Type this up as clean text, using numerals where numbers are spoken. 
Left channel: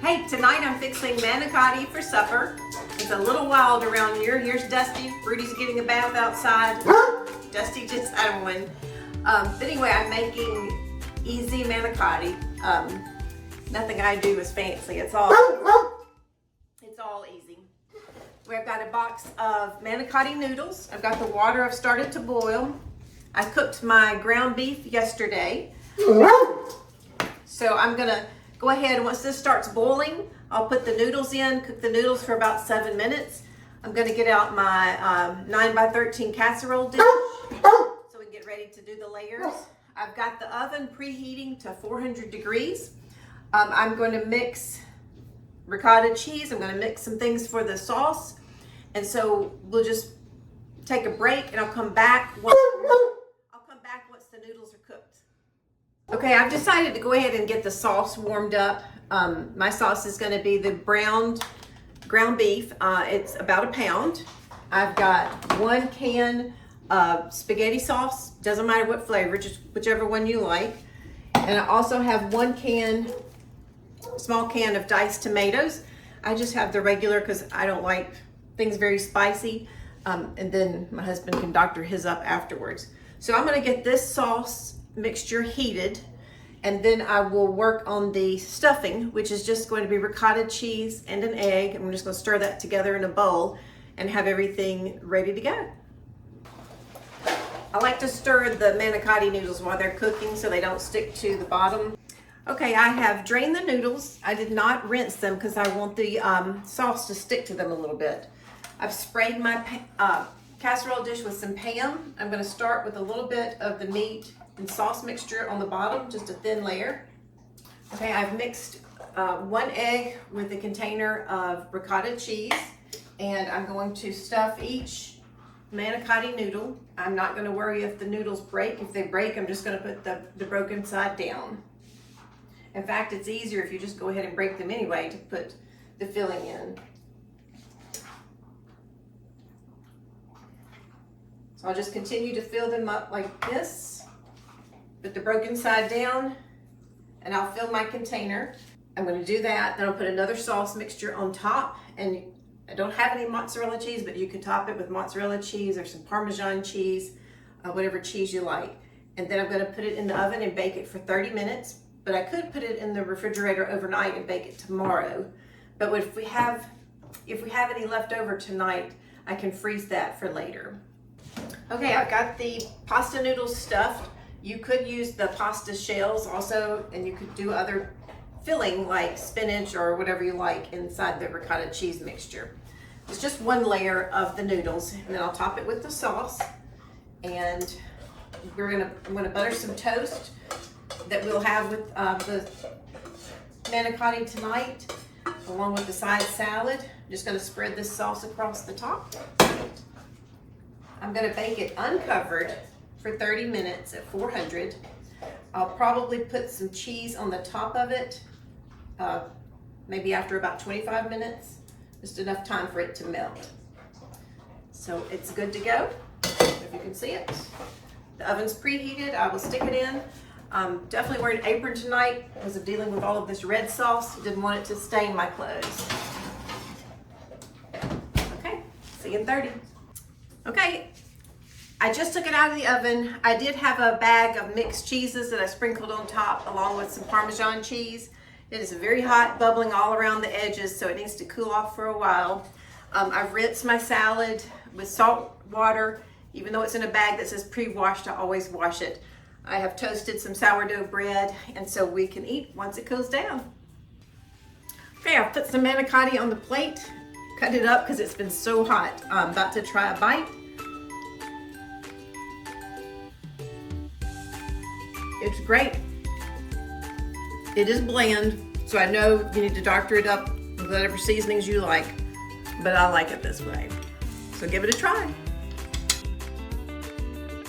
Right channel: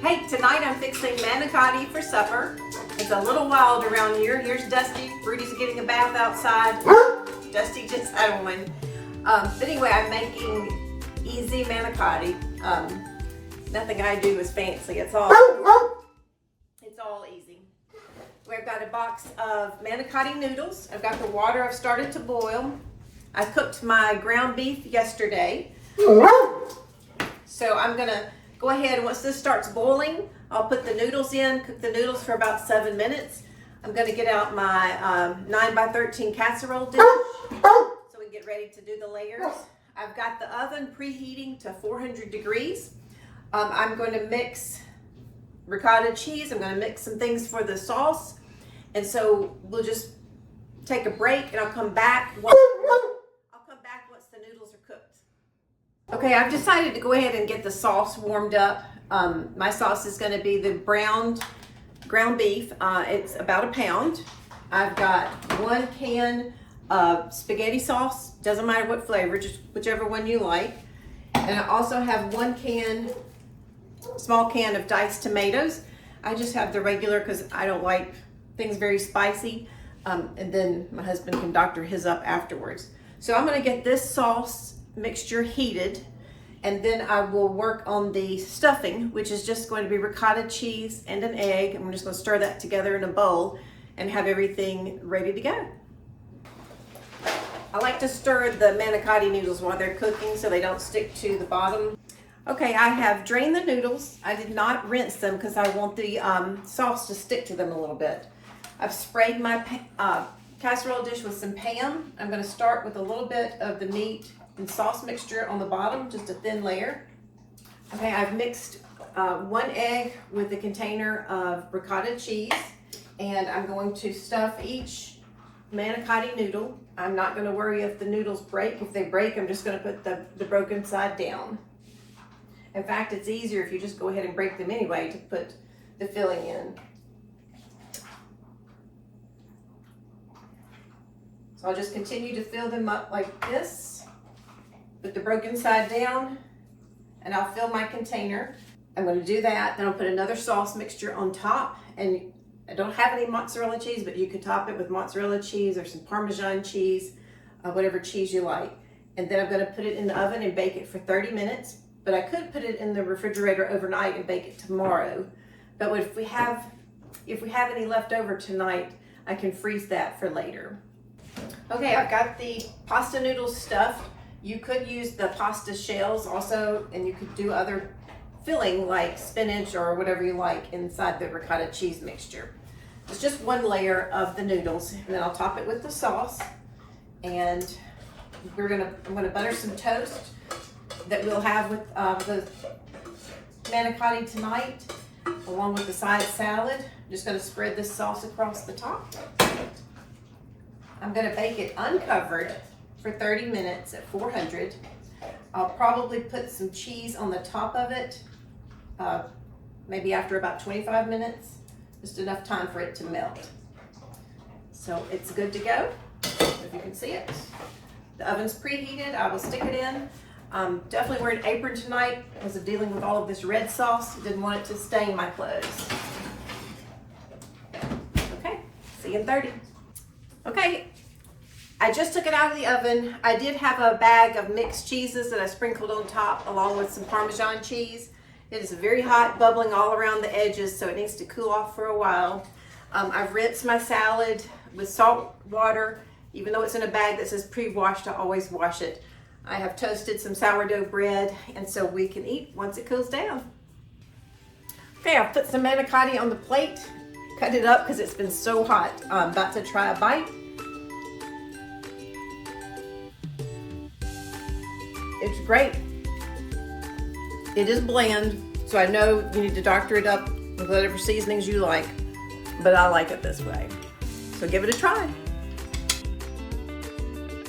Hey, tonight I'm fixing manicotti for supper. It's a little wild around here. Here's Dusty. Rudy's getting a bath outside. Dusty just had one. But anyway, I'm making easy manicotti. Nothing I do is fancy. It's all easy. We've got a box of manicotti noodles. I've got the water I've started to boil. I cooked my ground beef yesterday. So I'm gonna go ahead, once this starts boiling, I'll put the noodles in, cook the noodles for about 7 minutes. I'm gonna get out my 9x13 casserole dish so we can get ready to do the layers. I've got the oven preheating to 400 degrees. I'm going to mix ricotta cheese. I'm going to mix some things for the sauce. And so we'll just take a break and I'll come back once the noodles are cooked. Okay, I've decided to go ahead and get the sauce warmed up. My sauce is going to be the browned ground beef. It's about a pound. I've got 1 can of spaghetti sauce. Doesn't matter what flavor, just whichever one you like. And I also have 1 small can of diced tomatoes. I just have the regular because I don't like things very spicy. And then my husband can doctor his up afterwards. So I'm gonna get this sauce mixture heated, and then I will work on the stuffing, which is just going to be ricotta cheese and an egg. I'm just gonna stir that together in a bowl and have everything ready to go. I like to stir the manicotti noodles while they're cooking so they don't stick to the bottom. Okay, I have drained the noodles. I did not rinse them because I want the sauce to stick to them a little bit. I've sprayed my casserole dish with some Pam. I'm gonna start with a little bit of the meat and sauce mixture on the bottom, just a thin layer. Okay, I've mixed 1 egg with a container of ricotta cheese, and I'm going to stuff each manicotti noodle. I'm not gonna worry if the noodles break. If they break, I'm just gonna put the broken side down. In fact, it's easier if you just go ahead and break them anyway to put the filling in. So I'll just continue to fill them up like this, put the broken side down, and I'll fill my container. I'm going to do that, then I'll put another sauce mixture on top, and I don't have any mozzarella cheese, but you could top it with mozzarella cheese or some Parmesan cheese, whatever cheese you like. And then I'm going to put it in the oven and bake it for 30 minutes. But I could put it in the refrigerator overnight and bake it tomorrow. But if we have any left over tonight, I can freeze that for later. Okay, I've got the pasta noodles stuffed. You could use the pasta shells also, and you could do other filling like spinach or whatever you like inside the ricotta cheese mixture. It's just 1 layer of the noodles, and then I'll top it with the sauce. And I'm gonna butter some toast that we'll have with the manicotti tonight, along with the side salad. I'm just gonna spread this sauce across the top. I'm gonna bake it uncovered for 30 minutes at 400. I'll probably put some cheese on the top of it, maybe after about 25 minutes, just enough time for it to melt. So it's good to go, if you can see it. The oven's preheated, I will stick it in. Definitely wearing an apron tonight because of dealing with all of this red sauce. Didn't want it to stain my clothes. Okay, see you in 30. Okay, I just took it out of the oven. I did have a bag of mixed cheeses that I sprinkled on top along with some Parmesan cheese. It is very hot, bubbling all around the edges, so it needs to cool off for a while. I've rinsed my salad with salt water. Even though it's in a bag that says pre-washed, I always wash it. I have toasted some sourdough bread, and so we can eat once it cools down. Okay, I've put some manicotti on the plate, cut it up because it's been so hot. I'm about to try a bite. It's great. It is bland, so I know you need to doctor it up with whatever seasonings you like, but I like it this way. So give it a try.